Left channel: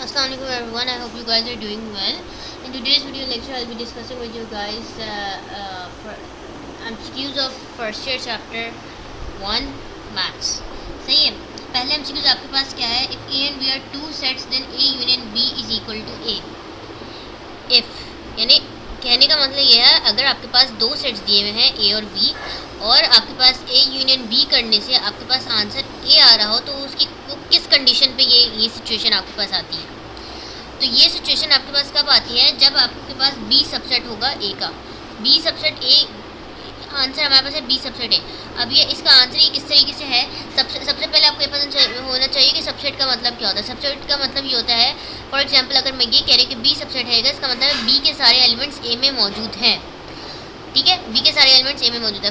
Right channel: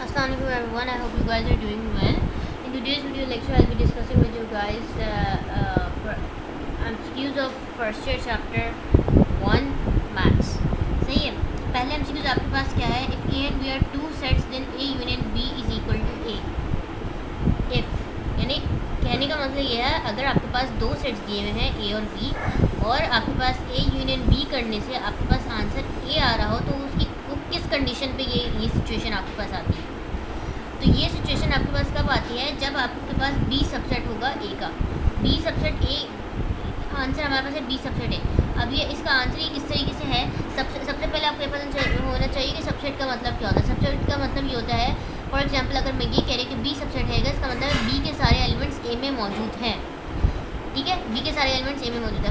Assalamualaikum everyone. I hope you guys are doing well. In today's video lecture, I'll be discussing with you guys for MCQs of first year chapter 1 maths. सही है. पहले MCQs आपके पास क्या है? If A and B are two sets, then A union B is equal to A. If यानी कहने का मतलब ये है, अगर आपके पास दो सेट्स दिए हुए हैं A और B और आपके पास A यूनियन B करने से आपके पास आंसर A आ रहा हो, तो उसकी किस कंडीशन पे ये सिचुएशन आपके पास आती है. तो ये सिचुएशन आपके पास कब आती है? जब आपके पास B सबसेट होगा A का. B सबसेट A आंसर हमारे पास है B सबसेट A. अब ये इसका आंसर ही किस तरीके से है, सबसे पहले आपको ये पता होना चाहिए कि सबसेट का मतलब क्या होता है. सबसेट का मतलब ये होता है, फॉर एग्जांपल अगर मैं ये कह रही हूँ कि B सबसेट है, इसका मतलब है B के सारे एलिमेंट्स A में मौजूद हैं. ठीक है, B के सारे एलिमेंट्स A में मौजूद है.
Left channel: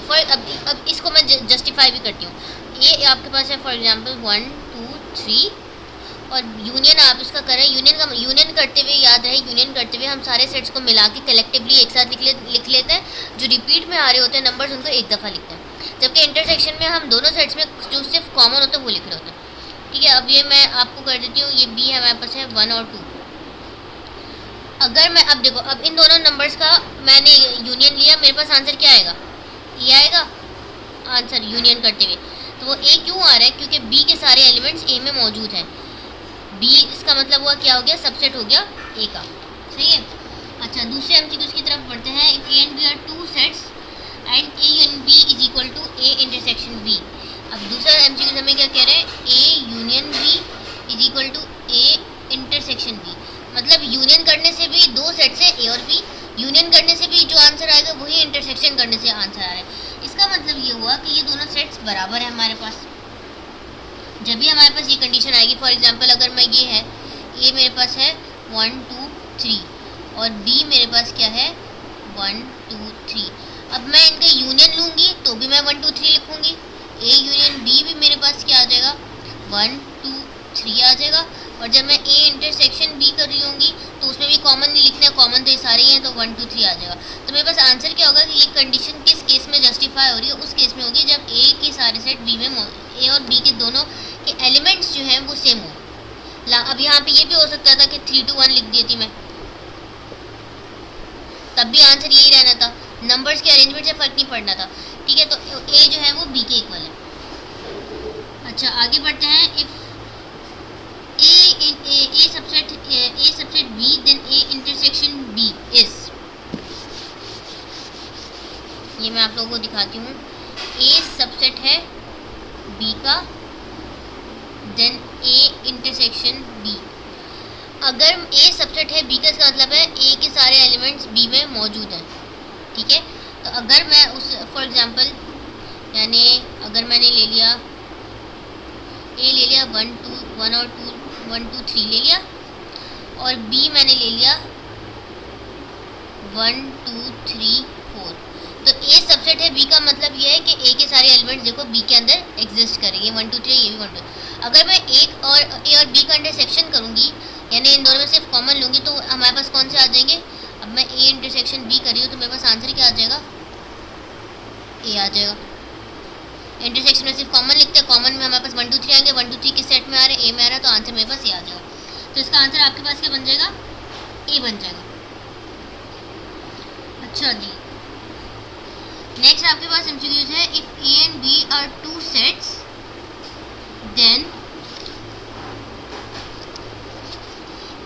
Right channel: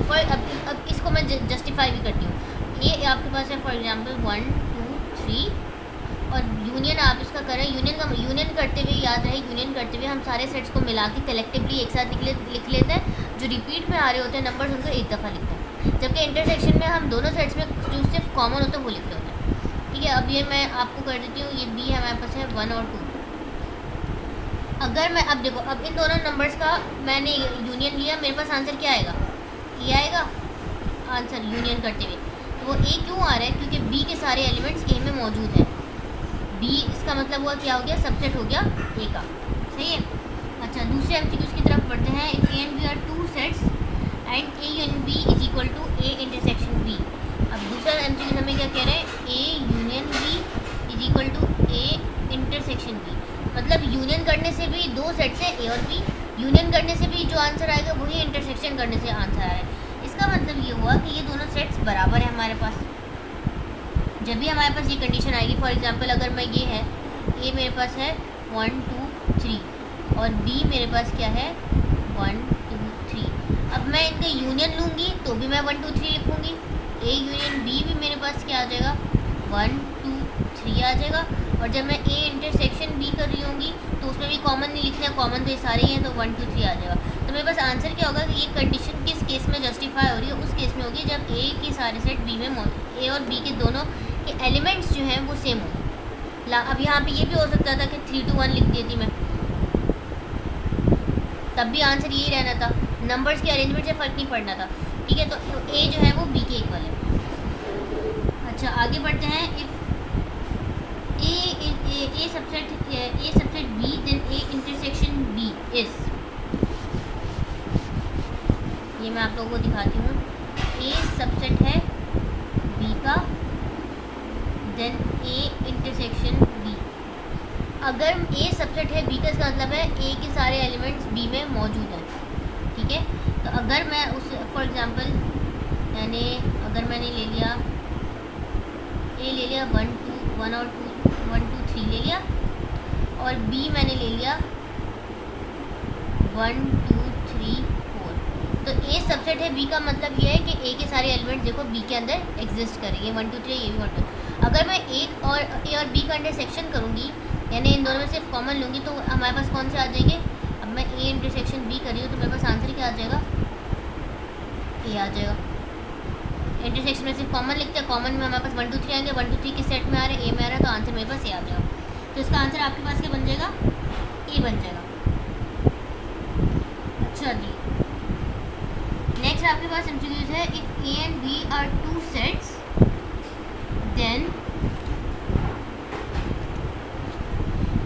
अब इसको मैं जस्टिफाई भी करती हूँ. ये आपके पास है फॉर एग्जांपल 1 2 3 और यूनियन आप इसका करें. यूनियन करते हुए याद रहे, यूनियन करते हुए हम सारे सेट्स को मिला के कलेक्टिवली एक साथ लिख लेते हैं. जो रिपीट में आ रहे होते हैं नंबर्स, उनको एक दफ़ा लिखते हैं. जबकि इंटरसेक्शन में हम दोनों सेट्स में जो सिर्फ कॉमन होता है वो लिख रहे होते हैं. ठीक है, अब ये मैं आपको कर देती हूँ. ये B हमारे पास है 1 और 2. अगर मैं अब देखो, अब इन दोनों नंबर्स का मैंने यूनियन लिया, मेरे पास आंसर क्या आएगा? ये आएगा आंसर यूनियन करते हुए. तो वो A क्यों आ रहा है? क्योंकि B के सारे एलिमेंट्स A में मौजूद हैं. B इसका मतलब हुआ क्या हो गया? सबसेट हो गया A का. सही है. अच्छा, दूसरे MCQs की तरफ बढ़ते हैं. If A and B are two sets and A union B is equal to A intersection B. अब दूसरा MCQ हमें क्या कह रहे हैं? A union B is equal to A intersection B. मतलब यूनियन करने से भी दो सेट से A और B, यूनियन करने से भी जो आंसर आएगा वही इंटरसेक्शन करने से आंसर आ रहा है. इसका मतलब ये हुआ कि ये दोनों सेट्स बराबर है हमारे पास. जब भी हमारे पास ये कंडीशन आएगी, फॉर एग्जांपल अगर मैं ये है, A मेरे पास है 1 2 3 और B मेरे पास क्या है 1 2 3. अब मैं इनका यूनियन लूँगी तो भी मैं 1 2 3 लिखूँगी. A यूनियन B भी मेरे पास क्या आ जाएगा? 1 2 3 आ जाएगा. और जब मैं A इंटरसेक्शन B कर रही होंगी तो उसमें भी कॉमन नहीं लिखना है, कॉमन तो ये सारे ही हैं, तो 1 2 3 आ जाएगा. तो मेरे पास आंसर क्या होगा कि ये कंडीशन किस केस में जस्टिफाई हो रही है? उस केस में होगी जब A के सारे सेट B में A और B के दोनों के एलिमेंट्स जो हैं वो सेम हों. अब यहाँ पे ये भी हो सकता था कि 3 2 1 लिख दी थी मैं, तब भी आंसर यही रहना था. नंबर्स के अरेंजमेंट से फ़र्क नहीं पड़ना था. ठीक है, तो A जो है वो B के इक्वल है. अच्छा, आगे बढ़ते हैं. If A subset B then A intersection B is, ये मैं आप लोगों को दिखाती हूँ. A सबसेट है B का, देन A इंटरसेक्शन B. अगर A सबसेट है B का, इसका मतलब है A के सारे एलिमेंट्स B में मौजूद हैं. ठीक है, तो अगर मैं उस फॉर एग्जांपल यानी अगर मैंने ले लिया A ले लिया 1 और 1 2 3 ले लिया और B मैंने ले लिया 1 2 3 4. तो A सबसेट है B का मतलब ये है कि A के सारे एलिमेंट्स देखो B के अंदर एग्जिस्ट करेंगे. 1 2 3 ये भी 1 2. अगर मैं A और B का इंटरसेक्शन करूँगी, यानी इन दोनों में सिर्फ कॉमन लूँगी, तो हमारे पास कौन से आ जाएंगे? अब मैं A इंटरसेक्शन B कर रही हूँ तो मेरे पास आंसर क्या आ जाएगा? A आ जाएगा. इंटरसेक्शन में सिर्फ कॉमन लिखते हैं, कॉमन में हमारे पास 1 2 3 आएंगे. 1 2 3 किस सेट में आ रहे हैं? A में आ रहा है, तो आंसर मेरे पास A आ जाएगा. तो इसका आंसर आपके पास क्या बन जाएगा? A बन जाएगा. अच्छा जी, नेक्स्ट आपके पास MCQs है. इफ A and B are two sets then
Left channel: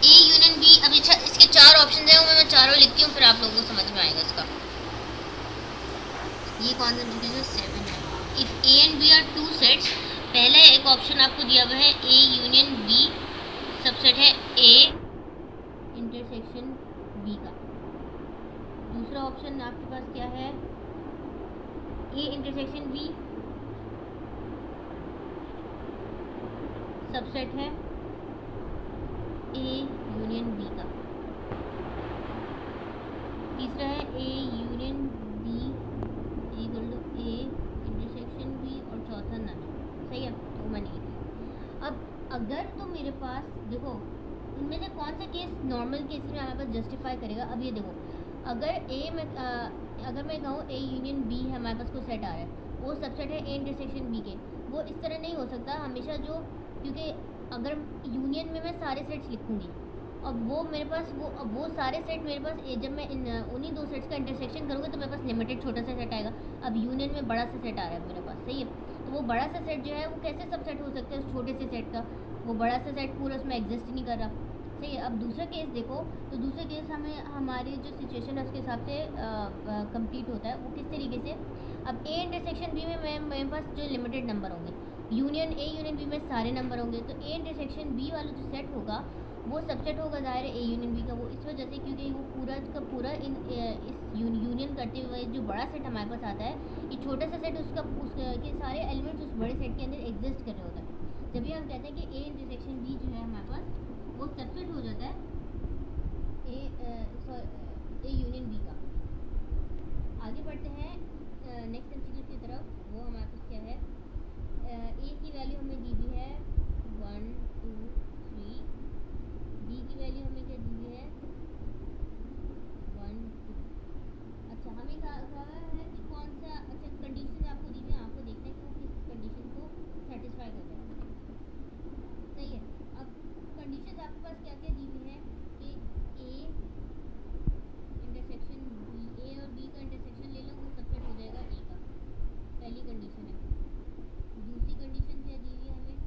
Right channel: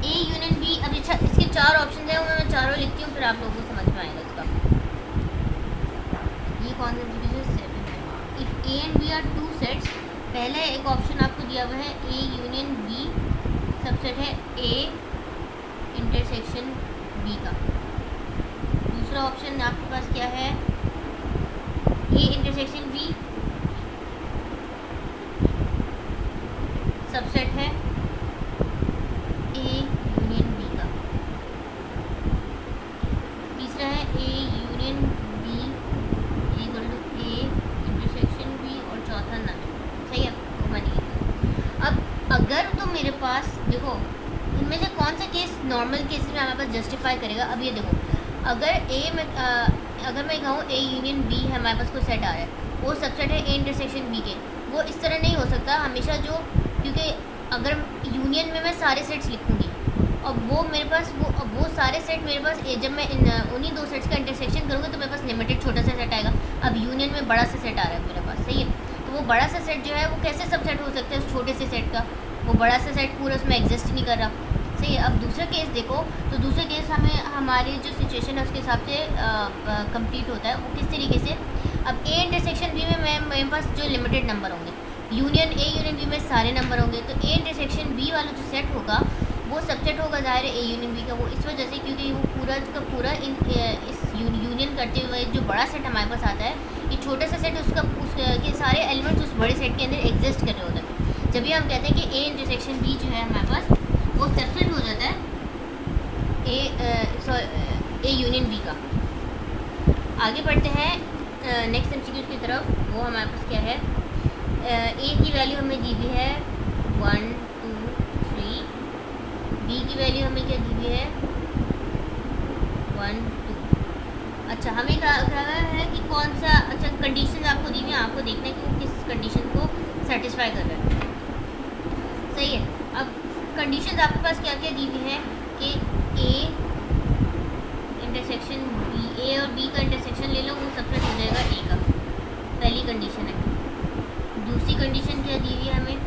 A union B. अब इसके चार ऑप्शन है, वो मैं चारों लिखती हूँ, फिर आप लोगों को समझ में आएगा इसका. ये कौन सा MCQ है? 7 है. इफ A and B are two sets, पहले एक ऑप्शन आपको दिया हुआ है A यूनियन B सबसेट है A इंटरसेक्शन B का. दूसरा ऑप्शन आपके पास क्या है? A इंटरसेक्शन B सबसेट है A यूनियन B का. तीसरा है A union B equal to A intersection B और चौथा नन. सही है, तो मैंने लिखा. अब अगर तो मेरे पास देखो, इनमें से कौन सा केस नॉर्मल केस में हमारे पास जस्टिफाई करेगा? अब ये देखो, अगर मैं कहूँ A यूनियन B है, हमारे पास कोई सेट आ रहा है, वो सबसेट है A इंटरसेक्शन B के, वो इस तरह नहीं हो सकता हमेशा. जो क्योंकि अगर यूनियन में मैं सारे सेट्स लिखूँगी और वो मेरे पास वो सारे सेट मेरे पास जब मैं उन्हीं दो सेट्स का इंटरसेक्शन करूँगा तो मेरे पास लिमिटेड छोटा सा सेट आएगा। अब यूनियन में बड़ा सा सेट आ रहा है मेरे पास, सही है। तो वो बड़ा सा सेट जो है वो कैसे सबसेट हो सकता है उस छोटे से सेट का, वो बड़ा सा सेट पूरा उसमें एग्जिस्ट ही नहीं कर रहा, सही है। अब दूसरा केस देखो, तो दूसरा केस हमें हमारी जो सिचुएशन है उसके हिसाब से कंप्लीट होता है। वो किस तरीके से, अब ए इंटरसेक्शन बी में मेरे पास जो लिमिटेड नंबर होंगे, यूनियन ए यूनियन बी में सारे नंबर होंगे, तो ए इंटरसेक्शन बी वाला जो सेट होगा वो सबसेट होगा ज़ाहिर है ए यूनियन बी का। वो इस वजह से क्योंकि वो पूरा का पूरा इस यूनियन करते हुए जो बड़ा सेट हमारे पास आता है, ये छोटा सा सेट उसके सारे एलिमेंट्स उस बड़े सेट के अंदर एग्जिस्ट कर रहे होते हैं। जब भी हम कहते हैं कि ए इंटरसेक्शन बी जो है हमारे पास वो सबसेट हो जाता है ए यूनियन बी का। आगे बढ़ते हैं नेक्स्ट एमसीक्यू की तरफ। वो हमारे पास क्या है, ए की वैल्यू हमें दी हुई है 1 2 3, बी की वैल्यू हमें क्या दी हुई है 1 2। अच्छा, हमें कहा है कि कौन सा, अच्छा कंडीशन आपको दी हुई है, आपको देखना है कि वो किस कंडीशन को सेटिस्फाई कर रहा है, सही है। अब कंडीशंस आपके पास क्या क्या दी हुई है कि ए इंटरसेक्शन बी, ए और बी का इंटरसेक्शन ले लो, वो सबसेट हो जाएगा ए का, पहली कंडीशन है। दूसरी कंडीशन क्या दी हुई है हमें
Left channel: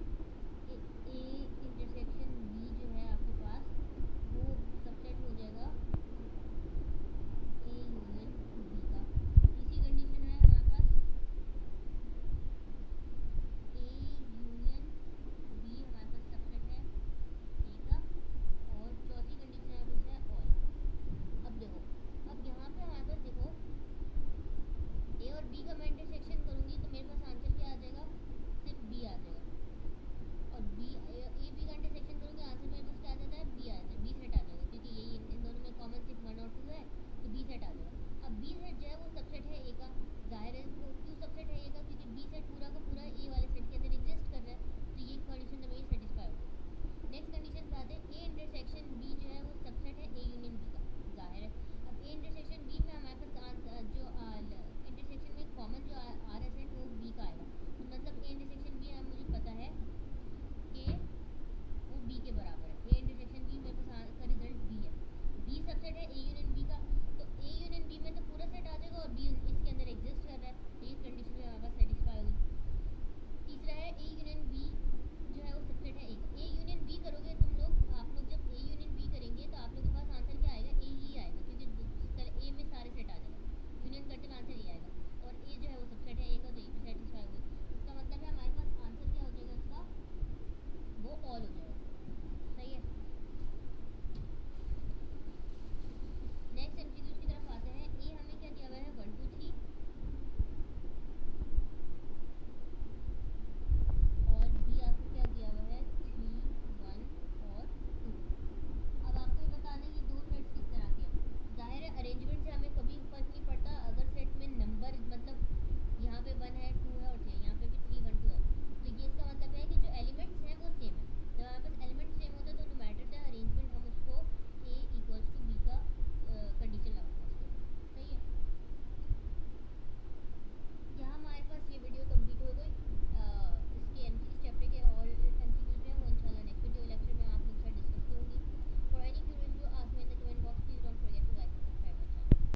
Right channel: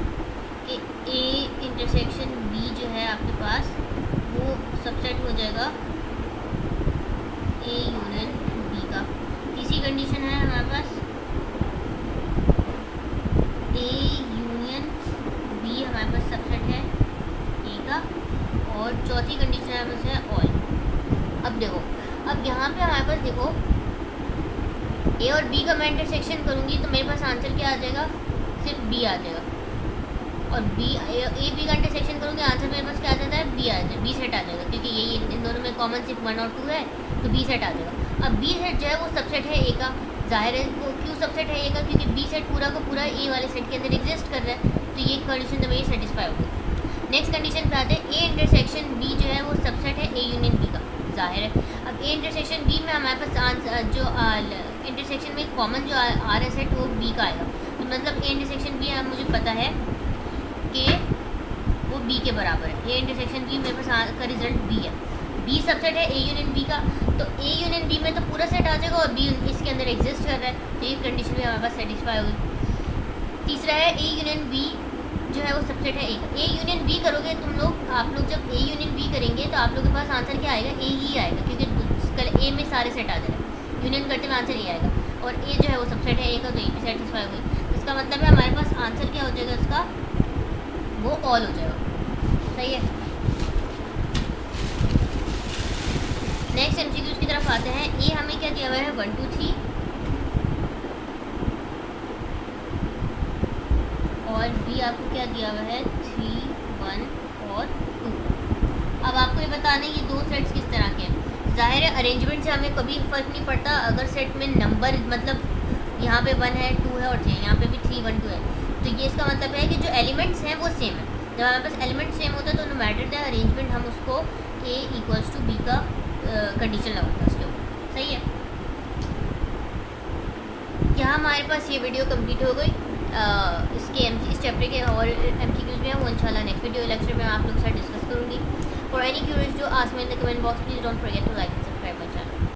कि ए इंटरसेक्शन बी जो है आपके पास वो सबसेट हो जाएगा ए यूनियन बी का। तीसरी कंडीशन है हमारे पास ए यूनियन बी हमारे पास सबसेट है ए का। और चौथी कंडीशन हमारे पास है ऑल। अब देखो, अब यहाँ पे हमारे पास देखो ए और बी का मैं इंटरसेक्शन करूँगी तो मेरे पास आंसर क्या आ जाएगा, सिर्फ बी आ जाएगा। और बी ए बी का इंटरसेक्शन करूँगी, आंसर मेरे पास क्या आ जाता है, बी आ जाएगा, बी सेट आ जाएगा, क्योंकि यही इन दोनों में कॉमन सिर्फ 1 और 2 है, तो बी सेट आ जाएगा। अब बी सेट जो है वो सबसेट है ए का, जाहिर है वो क्यों सबसेट है ए का, क्योंकि बी सेट पूरा का पूरा ए वाले सेट के अंदर एग्जिस्ट कर रहा है, तो ये कंडीशन तो मेरी सेटिस्फाई होगी। नेक्स्ट कंडीशन पे आते हैं, ए इंटरसेक्शन बी जो है वो सबसेट है ए यूनियन बी का, जाहिर है। अब ए इंटरसेक्शन बी में हमारे पास जो इंटरसेक्शन में कॉमन जो आ रहा सेट वो बी का आएगा, तो मतलब ए इंटरसेक्शन बी मुझे पता है कि वो बी के बराबर है। ए इंटरसेक्शन बी मेरे पास का रिजल्ट बी है, बी सबसेट है ए यूनियन बी का, तो ए यूनियन बी में तो पूरा सेट आ जाएगा और बी इसके अंदर एग्जिस्ट कर रहा है, तो ये कंडीशन भी हमारे पास सेटिस्फाई होगी। तीसरा है ए यूनियन बी जो है वो सबसेट है ए का। ए यूनियन बी करोगे तुम लोग, आप लोग जब ए यूनियन बी करेंगे तो आप लोग के पास आंसर क्या आएगा, ए ही आएगा, क्योंकि कल ए में सारे सेट आ जाएगा, यूनियन करते हुए आंसर ए आएगा। और ए जो है वो सबसेट है ए का, तो ए भी सेटिस्फाई हो गई। इसका मतलब है हमारे पास आंसर क्या हो जाएगा इसका, वो ऑल हो जाएगा, सही है। नेक्स्ट एमसीक्यूज की तरफ आते हैं। ए हमें क्या दिया हुआ है 1 2 3, और बी आपको क्या दिया हुआ है 3 1 और 2। अब आपको ये बताना है ये दो सेट्स किस तरह के हैं। जाहिर है अरेंजमेंट से हमें कभी फ़र्क नहीं पड़ता, अगर सेट में नंबर मतलब यहाँ पे 1 है 2 है और 3 यहाँ पे भी 3 1 2 है, तो ये इसका मतलब है कि जो एलिमेंट्स हैं वो सेम है। जब हमारे पास एलिमेंट सेम होता है तो नो मैटर द अरेंजमेंट, हम उसको ए इक्वल्स टू बी का कंडीशन लगाते हैं उसके ऊपर, सही है। क्या हमारे पास ये वीडियो कंप्लीट हो गई। इस चैप्टर के और एमसीक्यूज में है वो इंशाल्लाह नेक्स्ट वीडियो लेक्चर में आप लोग के साथ डिस्कस करूँगी। फॉर एनी क्यूरीज जो ask me in the comment box, please don't forget to like